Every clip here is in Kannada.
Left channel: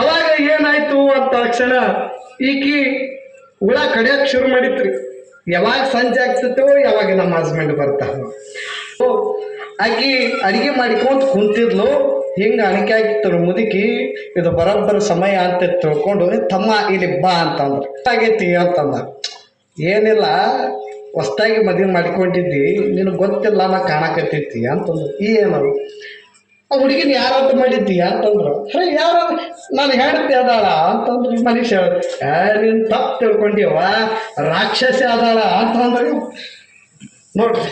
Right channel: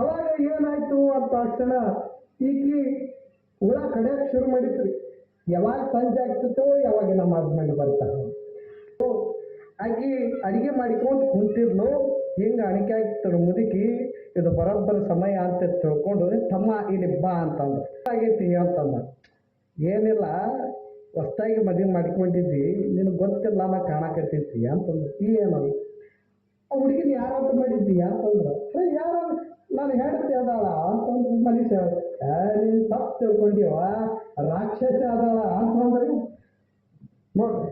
ಅವಾಗ ಏನಾಯ್ತು ಅಂತ ತಕ್ಷಣ ಈಕಿ ಹುಳ ಕಡಿಯಕ್ ಶುರು ಮಾಡಿತ್ರಿ. ಯಾವಾಗ ಸಂಜೆ ಆಗ್ತಿತ್ತು, ಯಾವಾಗ ನಮ್ಮ ಹಸ್ಬೆಂಡ್ ಬರ್ತಾರ. ಆಕಿ ಅಡಿಗೆ ಮಾಡಿಕೊಂತ ಕುಂತಿದ್ಲು. ಹಿಂಗ ಅಣಿಕೆ ಆಗಿತ್ತು ಮುದುಕಿ, ಇದು ಬರೋಬ್ಬರ ಸಮಯ ಅಂತ ತಿಳ್ಕೊಂಡು, ತಮ್ಮ ಇಲ್ಲಿ ಬಾ ಅಂತಂದ್ರು. ಆಗೈತಿ ಅಂತಂದ. ಏನಿಲ್ಲ, ಹೊಸ್ದಾಗಿ ಮದುವೆ ಮಾಡ್ಕೊಂಡಿದ್ದಿ, ನಿನಗೆ ಗೊತ್ತಿಲ್ಲ ನಾ ಕಾಣಕತ್ತೈತಿ ಅಂತಂದ್ರು. ಏನದು? ಆ ಹುಡುಗಿನ ಯಾರಂತ ಮಾಡಿದ್ದೀಯ ಅಂತಂದ್ರು. ಯಾರ ನಾನು ಹೇಳ್ತಿ ಅದಾಳ ಅಂತಂದ್ರು. ಮನುಷ್ಯ ನೀನು ತಪ್ಪು ತಿಳ್ಕೊಂಡಿವ, ರಾಕ್ಷಸಿ ಅದಾಳ ಅಂತಂದ್ರೆ. ನೋಡ್ರಿ,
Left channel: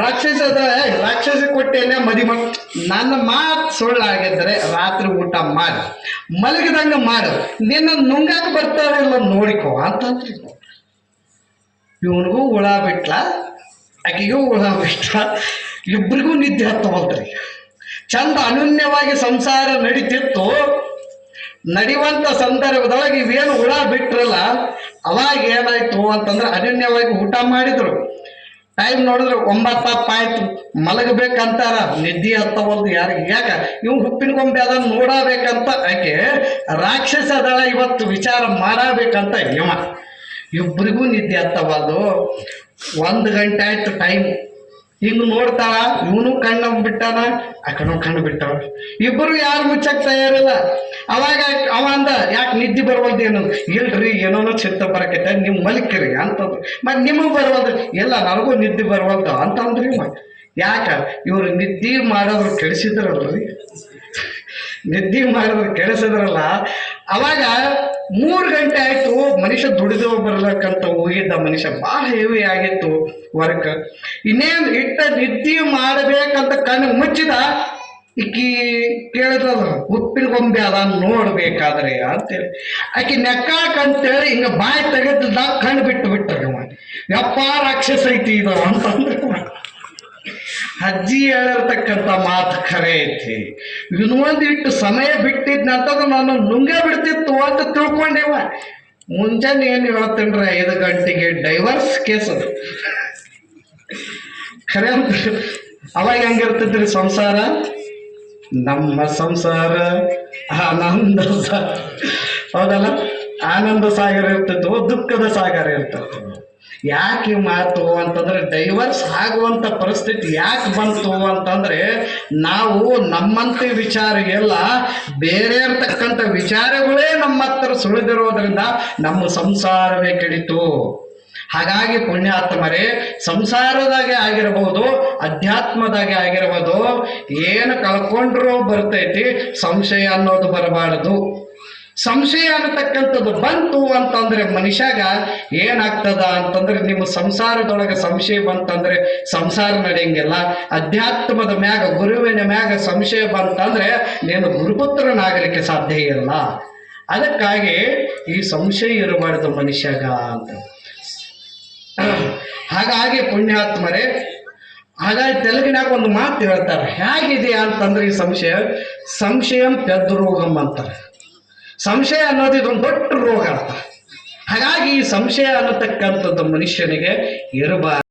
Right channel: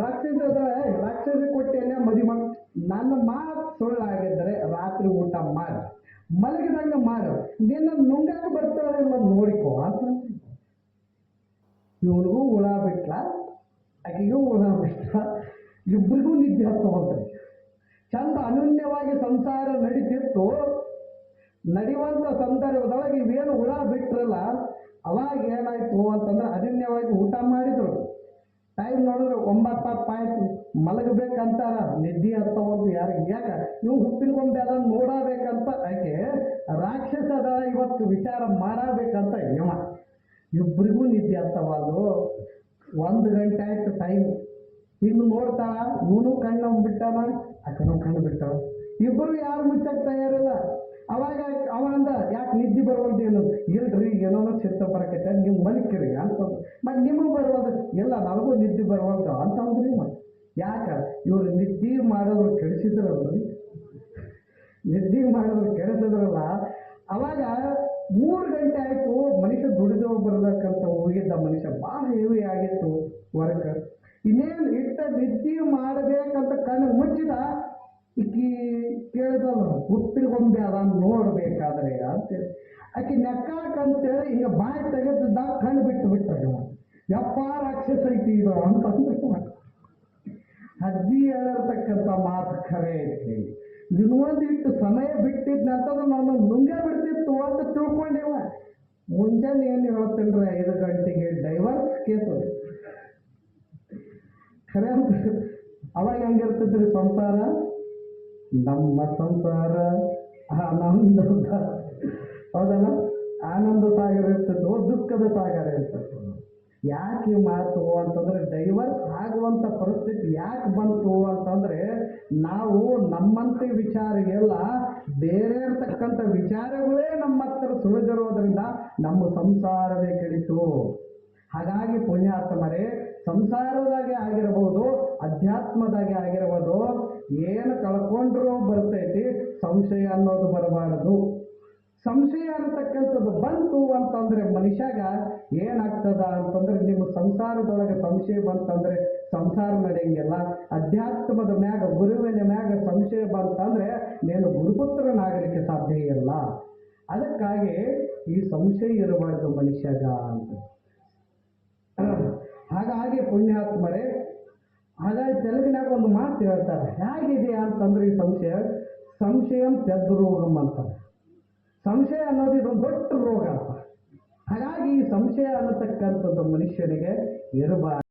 ರಾಕ್ಷಸ ಅದಾಳ, ರಾಕ್ಷಸಿ ಕೊಟ್ಟೇನೆ ಮದುವೆ ಮಾಡಿ. ನನ್ನ ಮಾತು ಸುಳ್ಳಾಗಿದ್ದರೆ ರಾತ್ರಿ ಊಟ ಮಾಡಿ ಮಲಗಿದಂಗೆ ಮಾಡು, ನಿನ್ನ ನುಂಗಾಕ ಬರ್ತಾವಿಲ್ಲ ನೋಡಿಕೋ ಅಂತಂದ್ರಿ. ಇವನಿಗೂ ಹುಳ ಬಿಟ್ಲ, ಆಕೆಗೂ ಹುಳ ಬಿಟ್ಲ, ಇಬ್ಬರಿಗೂ ನಿದ್ದೆ ಹತ್ತವಲ್ರಿ. ಚಂದ ಅನನ್ಯವಾಗಿ ಸಂಸಾರ ನಡೀತಿತ್ತು. ನಡೆಯುವಂಥ ಸಂದರ್ಭದೊಳಗೆ ಇವೇನು ಹುಳ ಬಿಟ್ರಲ್ಲ, ಅವಾಗ ಏನಾಯ್ತು ಅಂತಂದ್ರೆ ಅನನ್ಯವಾಗಿ ಊಟ ಮಾಡಿದ್ರು. ಟೈಮ್ ನೋಡಿದ್ರೆ 9 ಆಯ್ತು, ಮಲಗಬೇಕಂತಾರ, ನಿದ್ದೆ ಹತ್ತವಲ್ದು ಯಾರಿಗೆ. ಯಾಕ ಇವ್ ಹುಪ್ಪಿನ ಗೊಂಬೆ ಅದನ್ನು ನೋಡಬೇಕಂತ ಆಕೆ ರಾಕ್ಷಸ ಅದಳ, ಇವತ್ತು ವಿಚಾರ ಮಾಡಬೇಕಂತ ಯಮ. ಇಬ್ಬರಿಗೂ ನಿದ್ದೆ ಹತ್ತವಲ್ದು. 1 ಗಂಟೆ ಆಯ್ತು ಟೈಮ್. ಹಿಂಗೆ ನೋಡ್ತಾಳ, ಇವನು ಕಣ್ಣು ಬಿಟ್ಟಾನ, ಆ ಕಣ್ಣು ಕಣ್ಣು ಬಿಟ್ಟವ. ಇಬ್ಬರು ಯಾರು ಮುಚ್ಚಕ್ ತಯಾರಿಲ್ಲ. ಅವಾಗ ಅವ ಅಂದ, ಯಾಕೆ ನಿದ್ದೆ ಬರ್ವಲ್ದು ಏನು? ಇಲ್ರಿ, ಏನೋ ಚಿತ್ತ ಬರಕೈತೆ, ನೀವು ಮಲ್ಕಿರಿ ಅಂತಂದ್ರು. ಮತ್ತು ನಿಮಗೆ ಬರ್ವಲ್ದು? ಇಲ್ಲ, ನನಗೂ ನಿದ್ದೆ ಬರ್ವಲ್ದು ಅಂತಂದ್ರಿ. ಯಾಕ ಇವ್ರು ನಿದ್ದೆ ಮಾಡೋರು ಕೆಡಿಸಿದ್ರಲ್ರಿ, ನಿದ್ದೆ ಮಾಡಿದ್ರು ಕೆಡಿಸಿದ್ರಲ್ಲ. ಅವಾಗ 3 ಗಂಟೆ ಆಯ್ತು. ಮನುಷ್ಯ ದುಡಿದು ಬರ್ಬೇಕಂತ ಹೋಗಿದ್ದ ಮನುಷ್ಯ, ಭಾಳ ಹೆವಿ ಆಗಿತ್ತು ವರ್ಕ್. ಇನ್ನೇನು ಇಟ್ಟ ನಿದ್ದೆ ಮಾಡಬೇಕಂತ ಕಣ್ಣು ಮುಚ್ಚಿದ. ಈಕಿ ಕೇಳಿದ್ರಲ್ಲ, ಉಪ್ಪಿನ ಗೊಂಬೆ ಅದ ನೋಡ್ಬೇಕಾದ್ರೆ ಅಂತೇಳಿ. ಆಕಿ ನೆಕ್ಕಾಕಂತೇಳಿ ಹಿಂಗ ಬಾಯಿ ತೆಗೆದ ಕಣ್ಣು ಬಿಟ್ಟು ಬಿಟ್ರಿ. ಯಪ್ಪ ರಾಕ್ಷಸ ಐತಿ ಇದು ಅಂತಂದ್ರೆ. ಅಜ್ಜಿ ಹೇಳಿರ್ತಕ್ಕಂಥ ಮಾತು ಖರೆ ಐತಿ. ಇನ್ನೊಂದಿಟ್ಟು ಸಮಯ ಬಿಟ್ಟಿದ್ನಂತಂದ್ರೆ ನಾನು ನುಂಗೇ ಬಿಡ್ತಿತ್ತು ಅಂತ ತಿಳ್ಕೊಂಡೇವ. ಮುಂಜಾನೆ ಏನು ಹೇಳ್ತೇನ್ರಿ, 5 ಗಂಟೆಗೆ ಡೈವರ್ಸ್ ಕೇಸ್ ಅದು ಖರೆ ಅಂತ. ಅವಾಗ ಹೆಂಗಿರ್ತೈತ್ರಿ ಸಂಸಾರ? ನಮ್ಮ ಸಂಸಾರ ಆನಂದ ಹೌದಲ್ಲ, ಆನಂದ ಸಾಗರ ಇರ್ತೈತೋ, ದುಃಖದ ಸಾಗರ ಇರ್ತೈತೆ. ಯಾಕೆ ಮಾತು ಅಂತಂದ್ರೆ, ಡೈವರ್ಸ್ ಆಗುವಂಥ ಪರಿಸ್ಥಿತಿ ಯಾಕೆ ಬಂತು ಅಂತಂದ್ರೆ, ನಾವು ನಮ್ಮಂತೆ ವಿಚಾರ ಎಲ್ಲ ಬೇರೆ ಇರ್ತಕ್ಕಂಥ ವಿಚಾರಗಳೇ ನಮ್ಮ ಹತ್ರ ಸುಳಿದಿರೋದ್ರಿಂದ ನಮ್ಮ ಸಂಸಾರವೇ ಕೆಡಿತು. ಹಾಗಾಗಿ ಪುಣ್ಯಾತ್ಮರೇ, ಸಂಸಾರದಾಗೆ ಆಗಿರ್ಬೋದು, ಅಧ್ಯಾತ್ಮದಾಗೆ ಆಗಿರ್ಬೋದು, ಏನು ಕಳ್ಕೊಂಡ್ರೂ ಬರ್ತೈತಿ, ಸಂಶಯ ಅನ್ನೋದು ಬರಬಾರದು. ಸಂಶಯ ಅನ್ನತಕ್ಕಂಥದ್ದು ಬಂತು ಅಂತಂದ್ರೆ ಮನುಷ್ಯಾಗ ಏನಾಗ್ತದ ಅಂತಂದ್ರೆ, ನಿಮ್ಮ ಸಂಸಾರದೊಳಗೆ ಸಂಶಯ ಬಂತಂದ್ರೆ ಸಂಸಾರ ನಡೆಯಂಗಿಲ್ಲ. ಅಧ್ಯಾತ್ಮದ ಮ್ಯಾಗ, ಗುರುವಿನ ಮ್ಯಾಗ ಸಂಶಯ ಬಂತಂದ್ರೆ ನೀನು ಗುರುಪುತ್ರನಾಗಲಿಕ್ಕೆ ಸಾಧ್ಯ ಇಲ್ಲ. ಅದಕ್ಕಾಗಿ ಈ ಸಂಶಯ ಇರಬಾರ್ದು ಮನುಷ್ಯಾಗ ಅಂತ. ಹಾಗಾಗಿ ಪುಣ್ಯಾತ್ಮರೇ, ಹಾಗಾಗಿ ತೆಲುಗಿನಾಗ ಒಂದು ಮಾತು ಹೇಳ್ತಾರೆ, ಹೇಗಿದೆ ಅಂತಂದ್ರೆ ಈ ಸಂಶಯಂ ಪೆದ್ರೋಗಂ ಅಂತಾರೆ. ಸಂಶಯ ಅನ್ನೋದು ಇದೊಂದು ದೊಡ್ಡ ರೋಗ ಅಂತ. ಹಾಗಾಗಿ ಈ ಸಂಶಯ ಅನ್ನತಕ್ಕಂಥದ್ದು ಮನುಷ್ಯನಿಗೆ ಇರಬಾರ್ದು.